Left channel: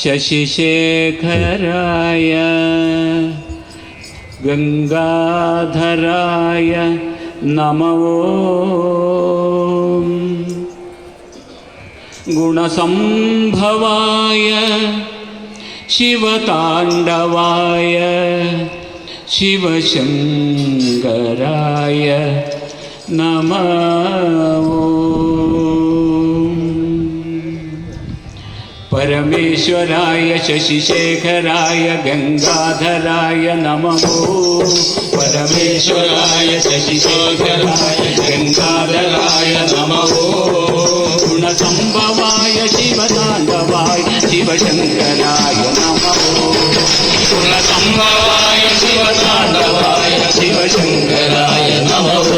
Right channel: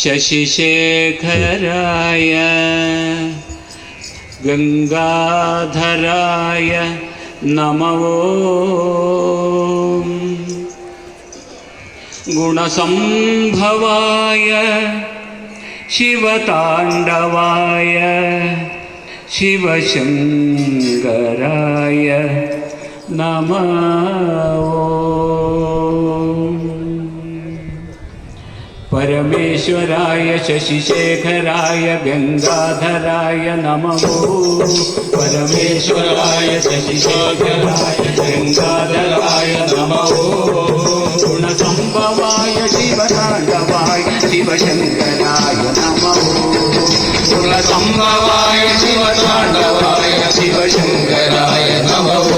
शशिशेखराय गंगाधराय नमो गुणसंभवाय शिवतांडवाय शिवशंकराय नमो परमेश्वराय शशिशेखराय गंगाधराय नमः। परमेश्वराय शशिशेखराय गंगाधराय नमः। गुणसंभवाय शिवतांडवाय शिवशंकराय नमः। गुणसंभवाय शिवतांडवाय शिवशंकराय नमः।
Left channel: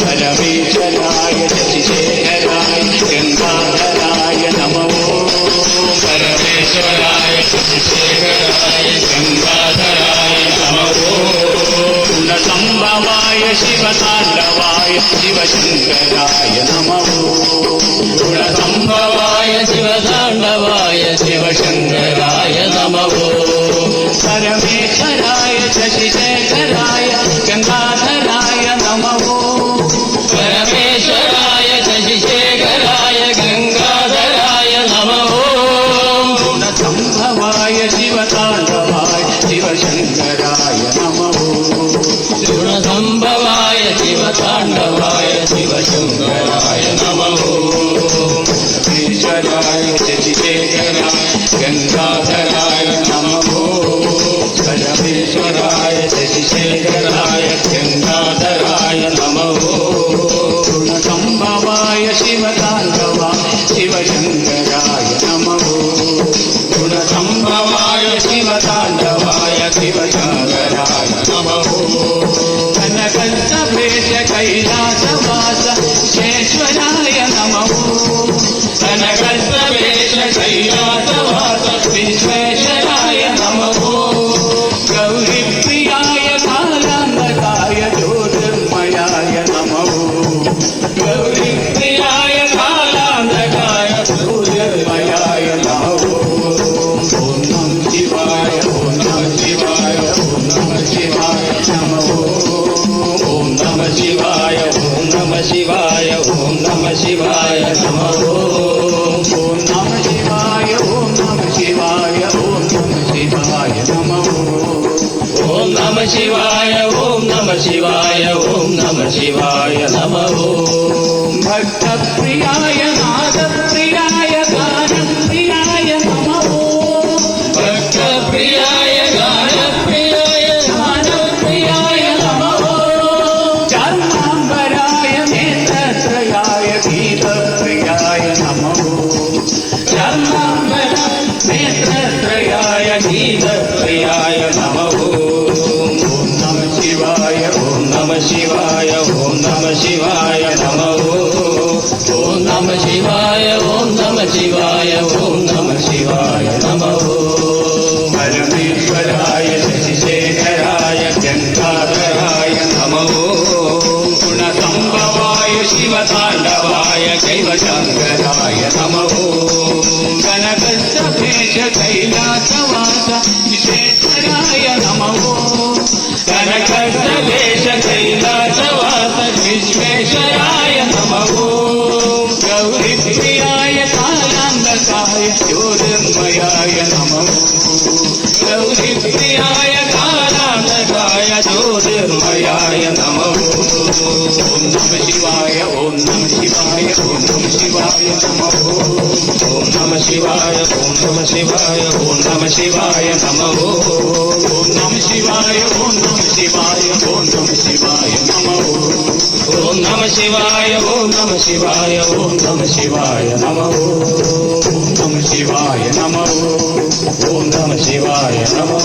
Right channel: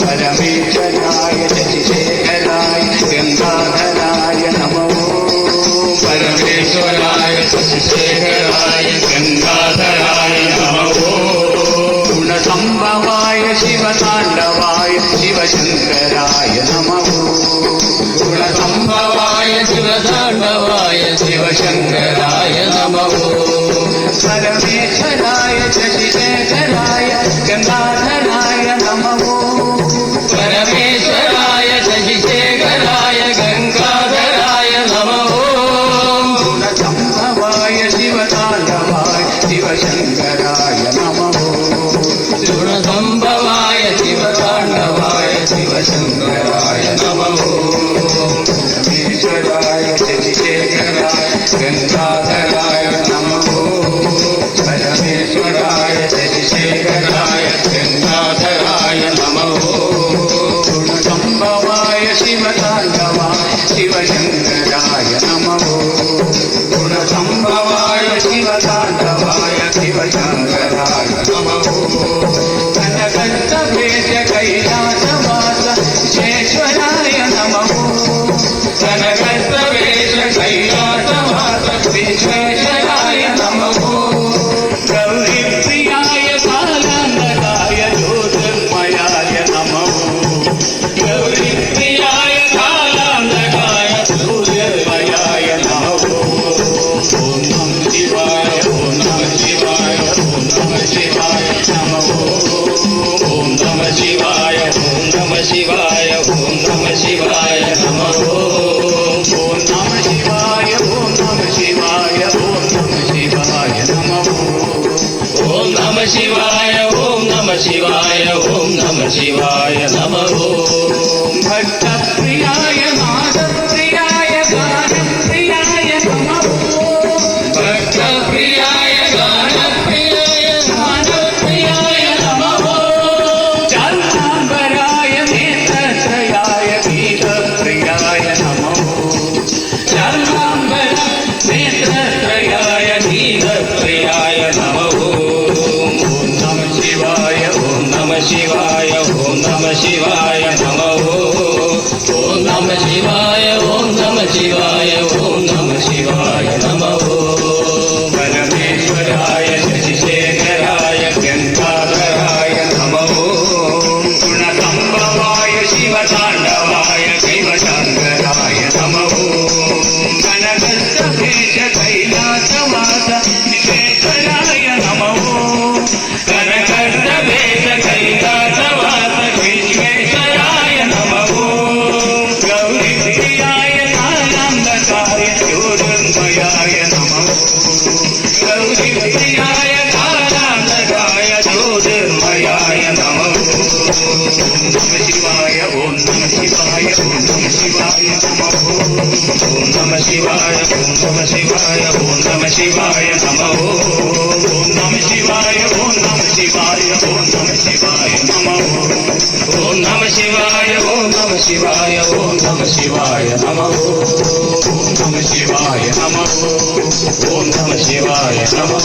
परमेश्वराय शशिशेखराय गंगाधराय नमः। परमेश्वराय शशिशेखराय गंगाधराय नमः। गुणसंभवाय शिवतांडवाय शिवशंकराय नमः। गुणसंभवाय शिवतांडवाय शिवशंकराय नमः। परमेश्वराय शशिशेखराय गंगाधराय नमः। परमेश्वराय शशिशेखराय गंगाधराय नमः। गुणसंभवाय शिवतांडवाय शिवशंकराय नमः। गुणसंभवाय शिवतांडवाय शिवशंकराय नमः। परमेश्वराय शशिशेखराय गंगाधराय नमः। परमेश्वराय शशिशेखराय गंगाधराय नमः। गुणसंभवाय शिवतांडवाय शिवशंकराय नमः। गुणसंभवाय शिवतांडवाय शिवशंकराय नमः। कनकस्तभेश कैलासवास विश्वेश्वराय नमः। कनकस्तभेश कैलासवास विश्वेश्वराय नमः। गौरीप्रियाय कालांतकाय ज्योतिर्मयाय नमः। गौरीप्रियाय कालांतकाय ज्योतिर्मयाय नमः। ओम नमः शिवाय ओम नमः शिवाय ओम नमः शिवाय नमः। ओम नमः शिवाय ओम नमः शिवाय ओम नमः शिवाय नमः। ओम नमः शिवाय ओम नमः शिवाय ओम नमः शिवाय नमः। ओम नमः शिवाय ओम नमः शिवाय ओम नमः शिवाय नमः। भक्तप्रियाय नादप्रियाय गानप्रियाय नमः। भक्तप्रियाय गानप्रियाय नादप्रियाय नमः। चारुणाम्बराय नेत्रत्रयाय गीतप्रियाय नमः। चारुणाम्बर नेत्रत्रयाय गीतप्रियाय नमः। ओम नमः शिवाय ओम नमः शिवाय ओम नमः शिवाय नमः। ओम नमः शिवाय ओम नमः शिवाय ओम नमः शिवाय नमः। परमेश्वराय शशिशेखराय गंगाधराय नमः। गुणसंभवाय शिवतांडवाय शिवशंकराय नमः। कनकस्तभेश कैलासवास विश्वेश्वराय नमः। कनकस्तभेश कैलासवास विश्वेश्वराय नमः। गौरीप्रियाय कालांतकाय ज्योतिर्मयाय नमः। गौरीप्रियाय कालांतकाय ज्योतिर्मयाय नमः। ओम नमः शिवाय ओम नमः शिवाय ओम नमः शिवाय नमः। ओम नमः शिवाय ओम नमः शिवाय ओम नमः शिवाय नमः। ओम नमः शिवाय ओम नमः शिवाय ओम नमः शिवाय नमः। ओम नमः शिवाय ओम नमः शिवाय ओम नमः शिवाय नमः। ओम नमः शिवाय नमः। ओम नमः शिवाय नमः।